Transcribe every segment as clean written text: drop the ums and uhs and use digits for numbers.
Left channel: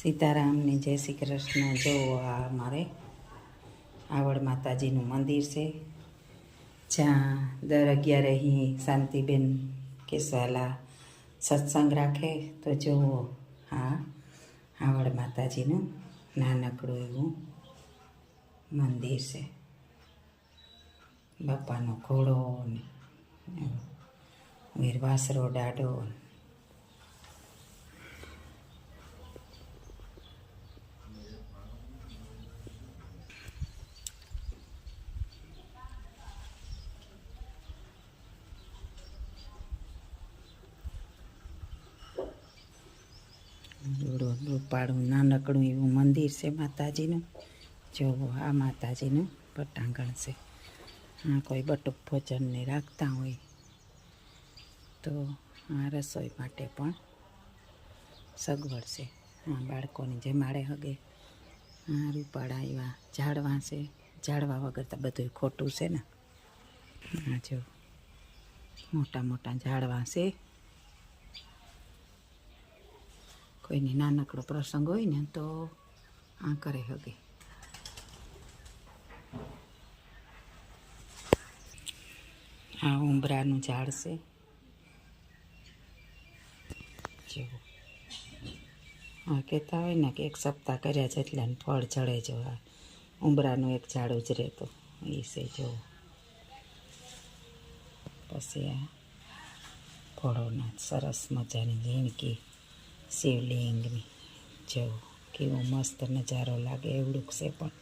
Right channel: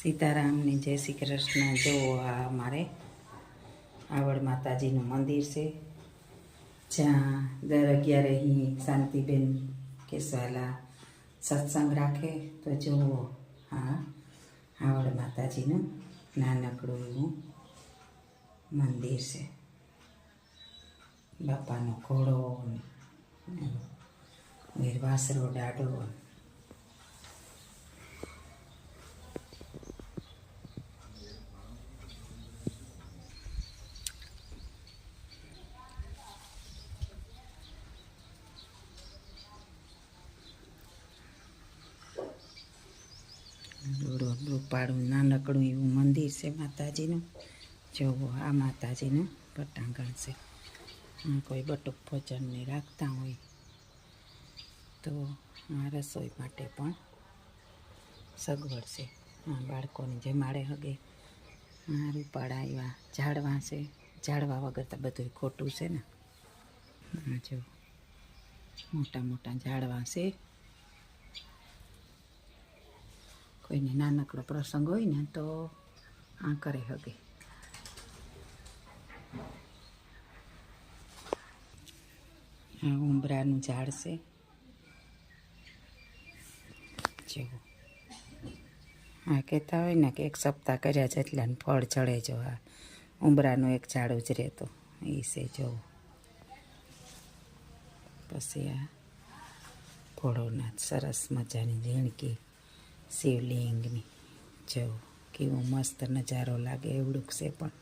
સીતારામને જય શ્રી કૃષ્ણ। જો આ અમારે આવડ માતાજીનું મંદિર છે, જ્યાં દર 11 અહીં શાંતિબેન કેસવાલા સત્સંગ રાખે। તો જુઓ આ આવડ માતાજીનું નાનકડું એવું મંદિર છે। બાપાનો ઘોડો ને વીરવાસરો ડાડો રૂપાળું નાનકડું એવું મંદિર છે માતાજીનું। જુઓ આ માતાજીનું પટાંગણ છે। આ કોઈ બટુક ભોજનને રાખતા હોય તો આ રસોઈ માટે પણ સગવડ છે। આ બાળકોની જમાડે હગે। આ રૂપાળા એવા ઝાડવા છે, ઝાડવા વગર તો બધું ખોટું છે ને। આ જો મોટા મોટા ઝાડવા છે। કોઈને નાનકડો પ્રસંગ હોય ને તો આ કરે હગે। આ ઉંબરાનું ઝાડ છે। જુઓ આ કહેતા હોય ને કે 1 સપ્તાહ કર્યા જેટલાને ફળ ચડે। જો આ ઉંબરાનું એક ઝાડ ઉજરે તો એ છે। જુઓ પછી આ ભોળોનાથ સરસ મજાની ઝીણકી શિવલિંગની જુઓ કેવો મસ્ત નજારો લાગે એવડું છે। પણ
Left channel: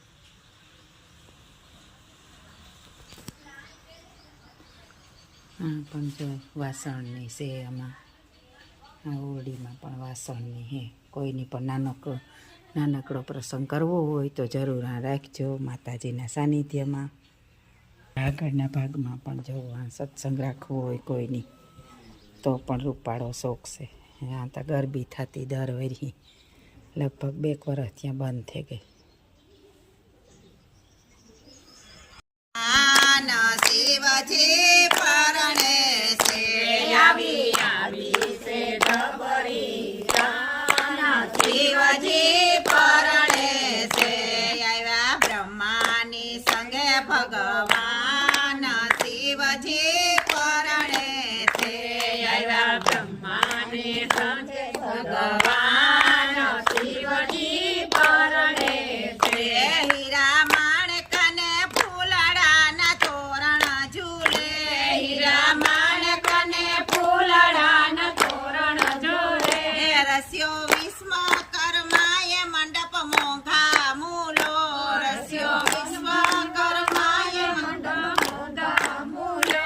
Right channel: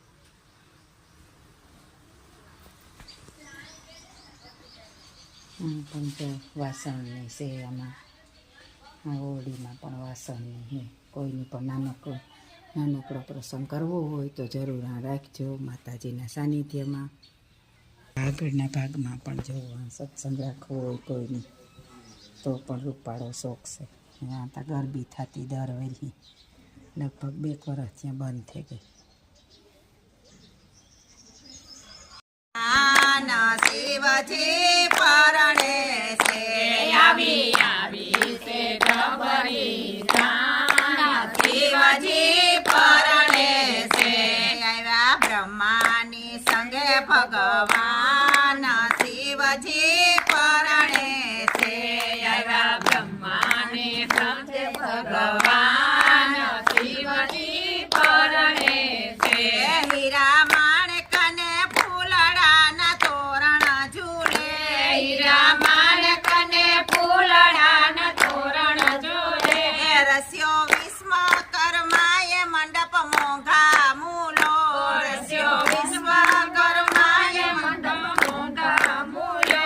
આ પણ જો વાસણની છે। આમાં આ ઓરડીમાં પણ વાસણની છે। કોઈની પણ નાનકડો પ્રસંગ કરવો હોય તો જરૂર આ રાખજો માતાજીના સાનિધ્યમાં। આગળના ભાગમાં પણ જો આ સત્સંગ રાખવો હોય કોઈની તો પણ રૂપાળો શોખ છે। આ તો ગરબી થતી દર વરી લગભગ 2 વર્ષ ત્યાં બંધ થઈ ગઈ। શિવજી પરણે છે આવી છે ખબરી શિવજી પરણે છે આવ્યા બ્રહ્માની સંગે ભગવાન। શિવજી પરણે છે આવ્યા બ્રહ્માની સંગે ભગવાન। શિવજી પરણે છે હીરા માણકને ફૂલડાના તોરણ ઝૂલે। હીરા માણકને ફૂલડાના તોરણ ઝૂલે। રસ્યો વિશ્વકર્માએ મંડપ મોંઘા મૂલો। રસ્યો વિશ્વકર્માએ મંડપ મોંઘા મૂલો।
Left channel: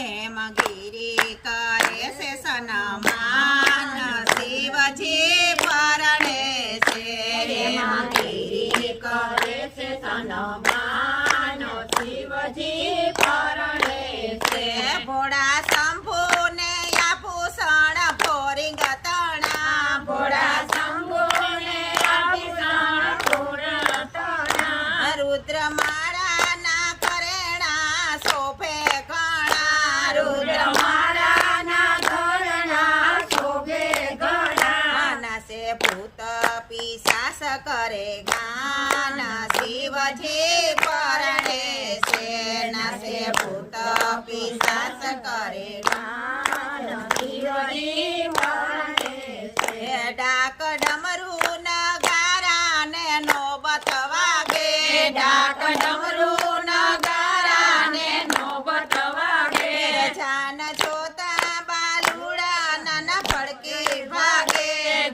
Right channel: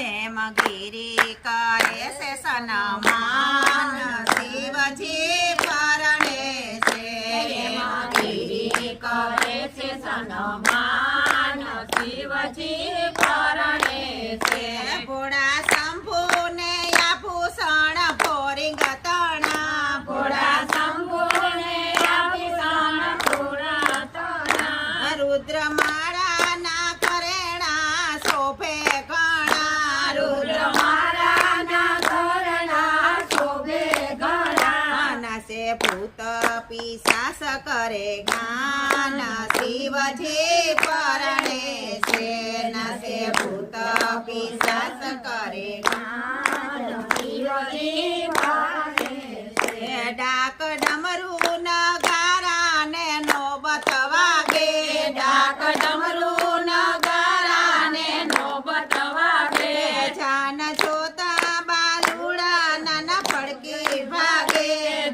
હેમગીરી કરે છે સન્માન। શિવજી પરણે છે હેમગીરી કરે છે સન્માન। શિવજી પરણે છે ભોળા શંભુને આભૂષણ ભોરિંગ તણા। ભોળા શંભુને આભૂષણ ભોળા તણા। રુદ્રમાળાના ઘરેણા શોભે ઘણા। રુદ્રમાળાના ઘરેણા શોભે ઘણા। નાસે ભૂત પિશાચ કરે જ્ઞાન। શિવજી પરણે છે નાસે ભૂત પિશાચ કરે જ્ઞાન। શિવજી પરણે છે ડાક ડમરૂ નગારા ને નોબત વાગે। ડાક ડમરૂ નગારા ને નોબત વાગે। જાન જોતા બાલુડા નાના ભડકી ભાગે।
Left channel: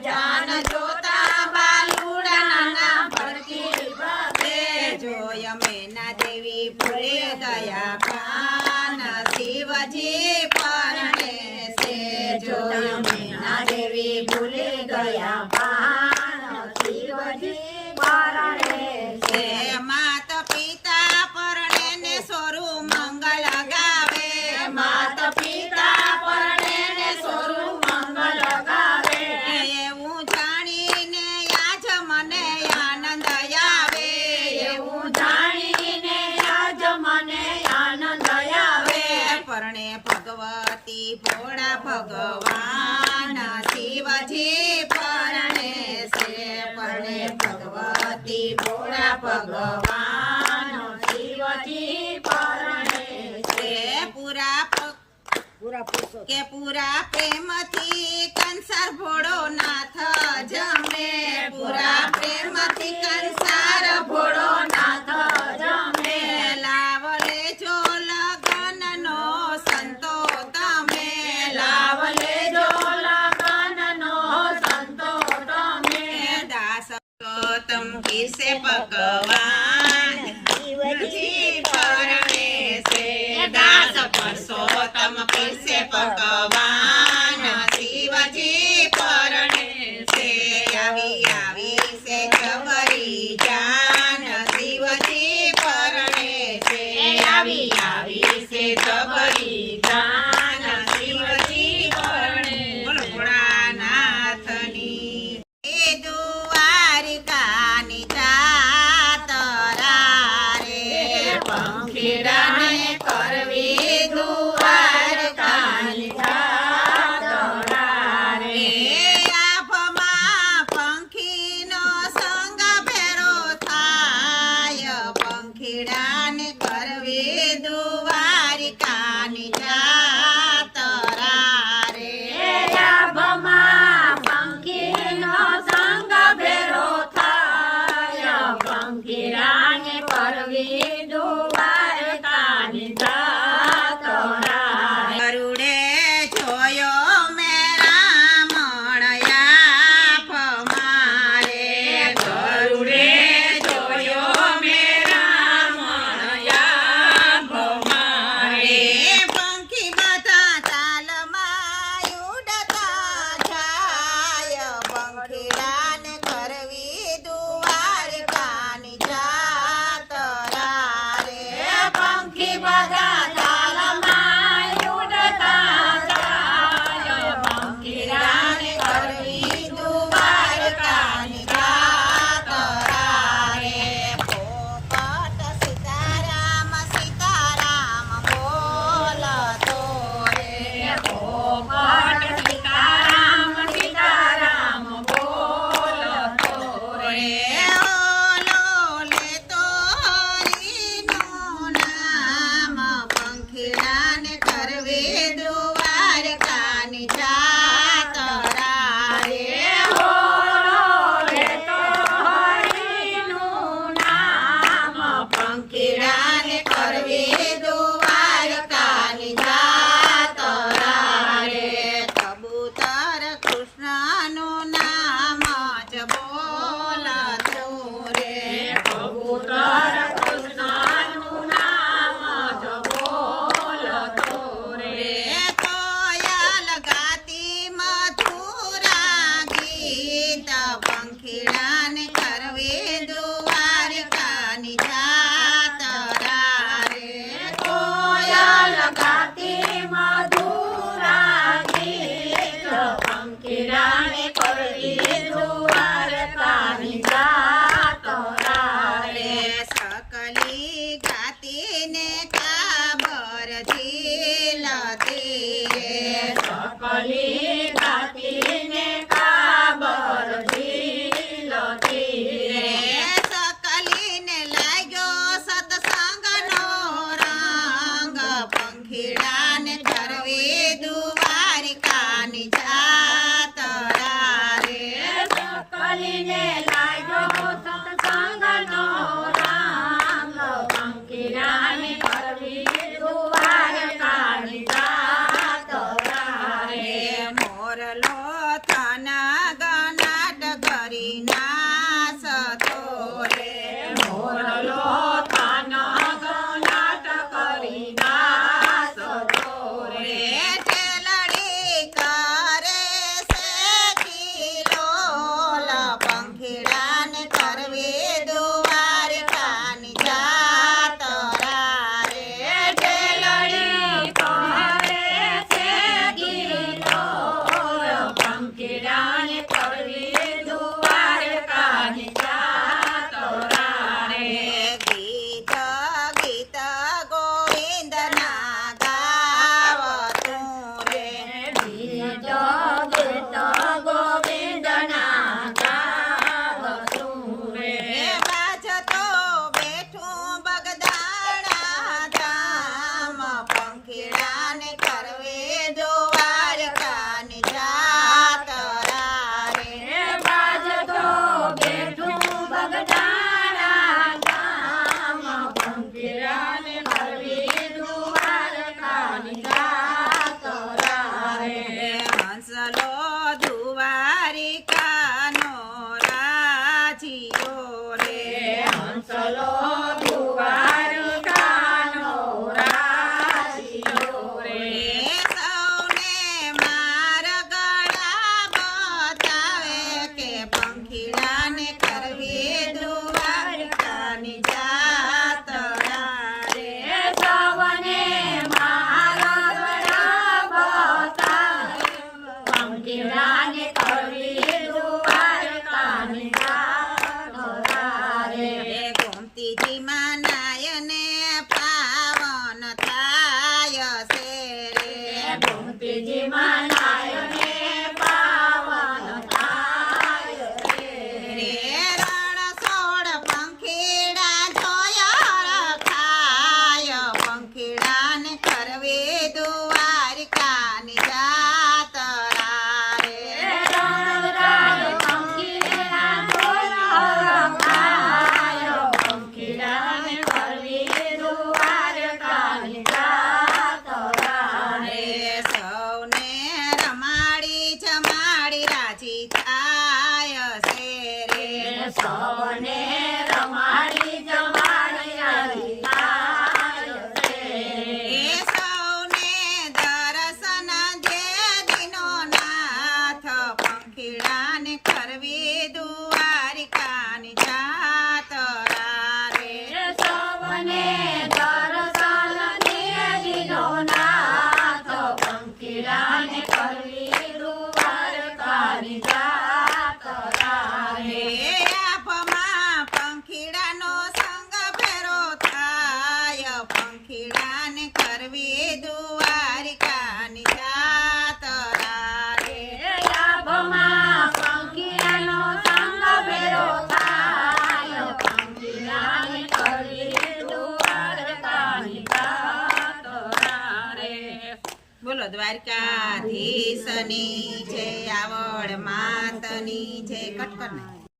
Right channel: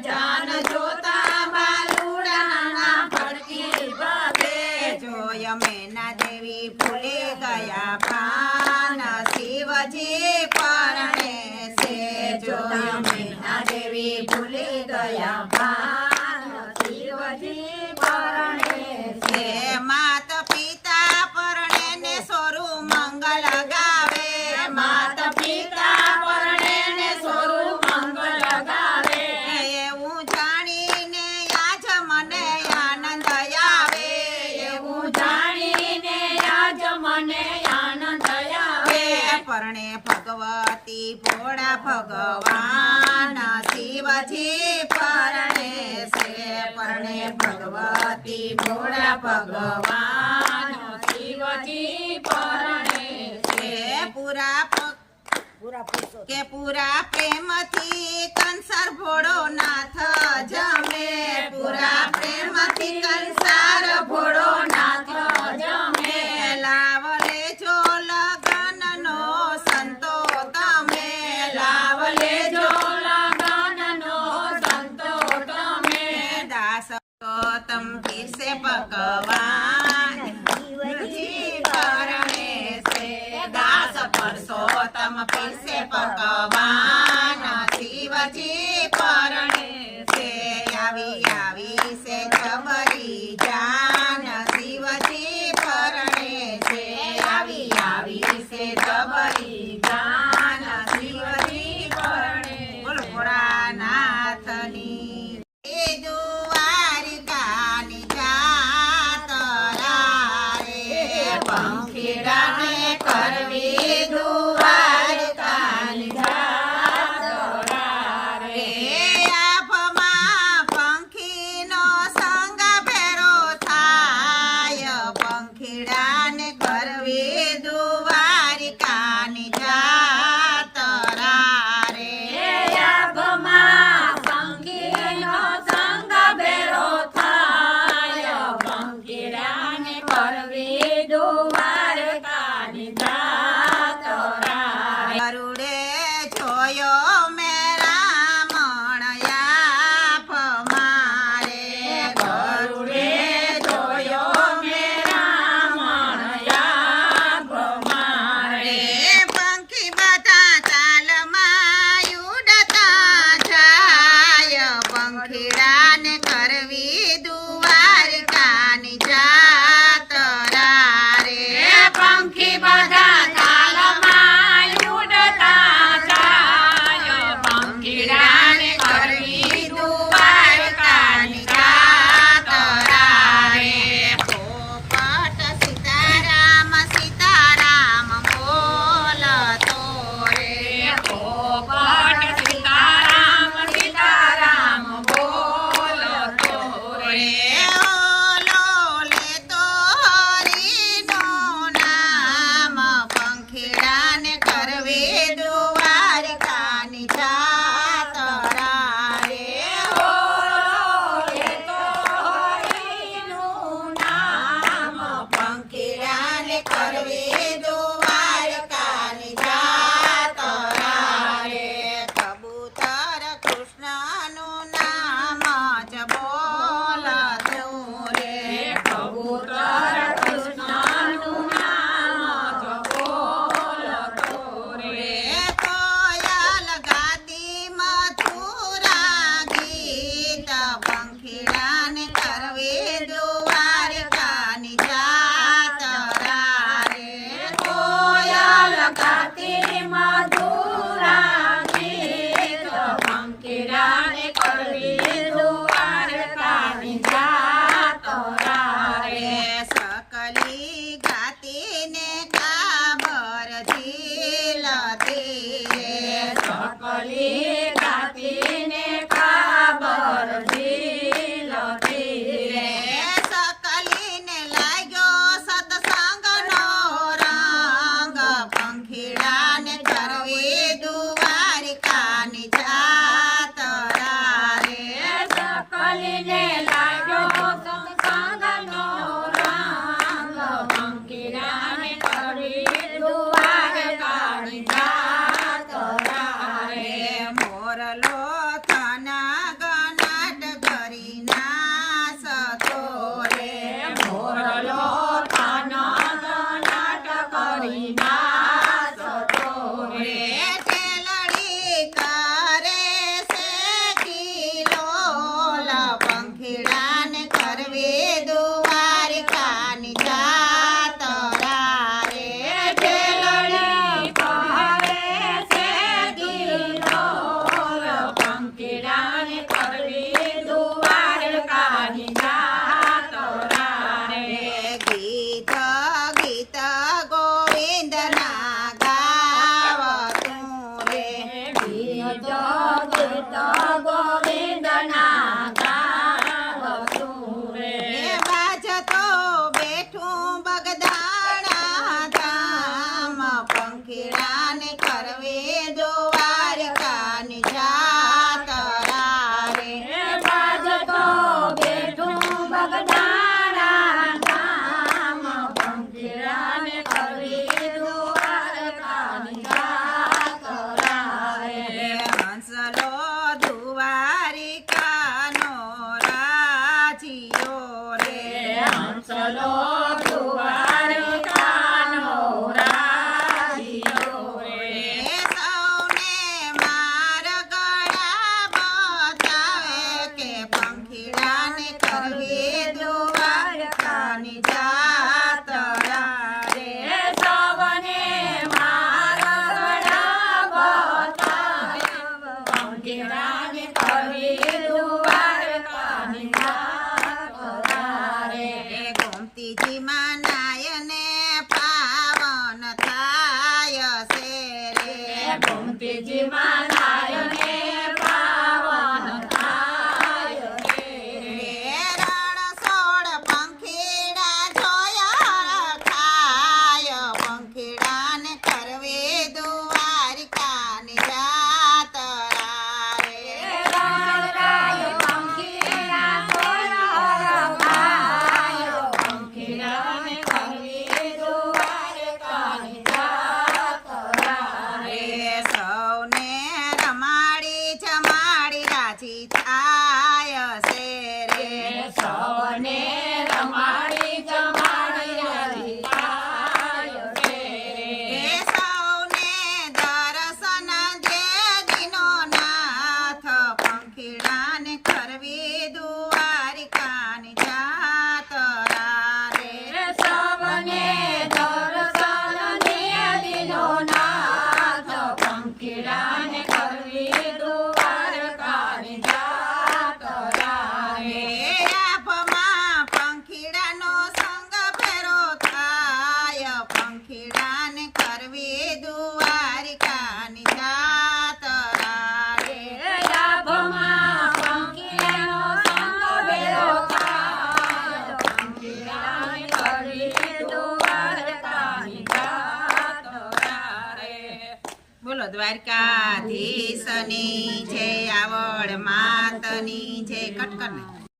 જાન જોતા બાલુડા નાના ભડકી ભાગે। જોય મેના દેવી ભૂલે ગયા ભાન। શિવજી પરણે છે જોય મેના દેવી ભૂલે ગયા ભાન। શિવજી પરણે છે માત પિતા પરણે ને સોરું મંગલ ગાવે। માત પિતા પરણે ને સોરું મંગલ ગાવે। એવું જાણીને આજ મને આનંદ આવે। એવું જાણીને આજ મને આનંદ આવે। પરણે ભગવતી ભોળા ભગવાન। શિવજી પરણે છે પ્રેમથી ભોળા ભગવાન શિવજી પરણે છે પૂરા પ્રેમથી કંસાર ભોળો નાથ જમે પૂરા પ્રેમથી કંસાર ભોળો નાથ જમે લાવલે જો લગનનો સંતો તમે લાવલે જો લગનનો સંતો તમે દાસ તમ કિસે પકવાન શિવજી પરણે છે દાસ પુરુષોત્તમ પીરસે પકવાન શિવજી પરણે છે આવી છે જબરી જાન શિવજી પરણે છે આવી છે જબરી જાન શિવજી પરણે બોલો ભોળાનાથની એ દ્વારિકાની જાતરા રે પંખીડાને કરવી દ્વારિકાની જાતરા રે આભમાં પંખીનો સંગ ભેરો થાય પંખીડાને કરવી દ્વારિકાની જાતરા રે આભમાં પંખીનો સંગ ભેરો થાય પંખીડાને કરવી દ્વારિકાની જાતરા ગરુડે જોયો મેં રામણયા મારે ગરુડે જોયો મેં રામણયા મારે પંખી બધા તાલમાં ઉડતા જાય પંખીડાને કરવી દ્વારિકાની જાતરા રે પંખી બધા તાલમાં ઉડતા જાય પંખીડાને કરવી દ્વારિકાની જાતરા રે પોપટ સીતારામ સીતારામ બોલતો રે પોપટ સીતારામ સીતારામ બોલતો રે ઓલો લેતો હરિનું નામ પંખીડાને કરવી દ્વારિકાની જાતરા રે ઓલો લેતો હરિનું નામ પંખીડાને કરવી દ્વારિકાની જાતરા રે કબૂતર કૃષ્ણનું નામ જ બોલતો રે કબૂતર કૃષ્ણનું નામ જ બોલતો રે કોયલ ગાતી મથુરા ગીત પંખીડાને કરવી દ્વારિકાની જાતરા રે કોયલ ગાતી મથુરા ગીત પંખીડાને કરવી દ્વારિકાની જાતરા રે સકલી ગાતીને કાબર ઝીલતી સકલી ગાતીને કાબર ઝીલતી રે સકલીને લાગ્યો સત્સંગનો રંગ પંખીડાને કરવી દ્વારિકાની જાતરા રે સકલીને લાગ્યો સત્સંગનો રંગ પંખીડાને કરવી દ્વારિકાની જાતરા રે મોરલો થન ગનાટ કરી નાસતો રે મોરલો થન ગનાટ કરી નાસતો રે ઠેલડી કરે છે કિલોલ પંખીડા પંખીડાને કરવી દ્વારકાની જાતરા રે સૌને માગણા બતાવ્યો પંખીડાને કરવી દ્વારકાની જાતરા રે ગોમતીજીમાં નાયને પાવન થાય છે રે ગોમતીજીમાં નાયને પાવન થાય રે રણછોડ પંખીડા જોયા રખાય પંખીડાને કરવી દ્વારકાની જાતરા રે પંખીડાને કરવી દ્વારકાની જાતરા રે સૌને રમાડી જમાડી રાજી થાય છે રે સૌને રમાડી જમાડી રાજી થાય રે સૌને દર્શન દે દીનો નાથ પંખીડાને કરવી દ્વારકાની જાતરા રે સૌને દર્શન દે દીનો નાથ પંખીડાને કરવી દ્વારકાની જાતરા રે આપમાં પંખીડાનો સંગ ફેરો થાય પંખીડાને કરવી દ્વારકાની જાતરા રે લાભમાં પંખીડાનો સંગ ભેરો થાય પંખીડાને કરવી દ્વારકાની જાતરા રે બોલો દ્વારકાધીશની જય આવડ માતની જય કટકર ને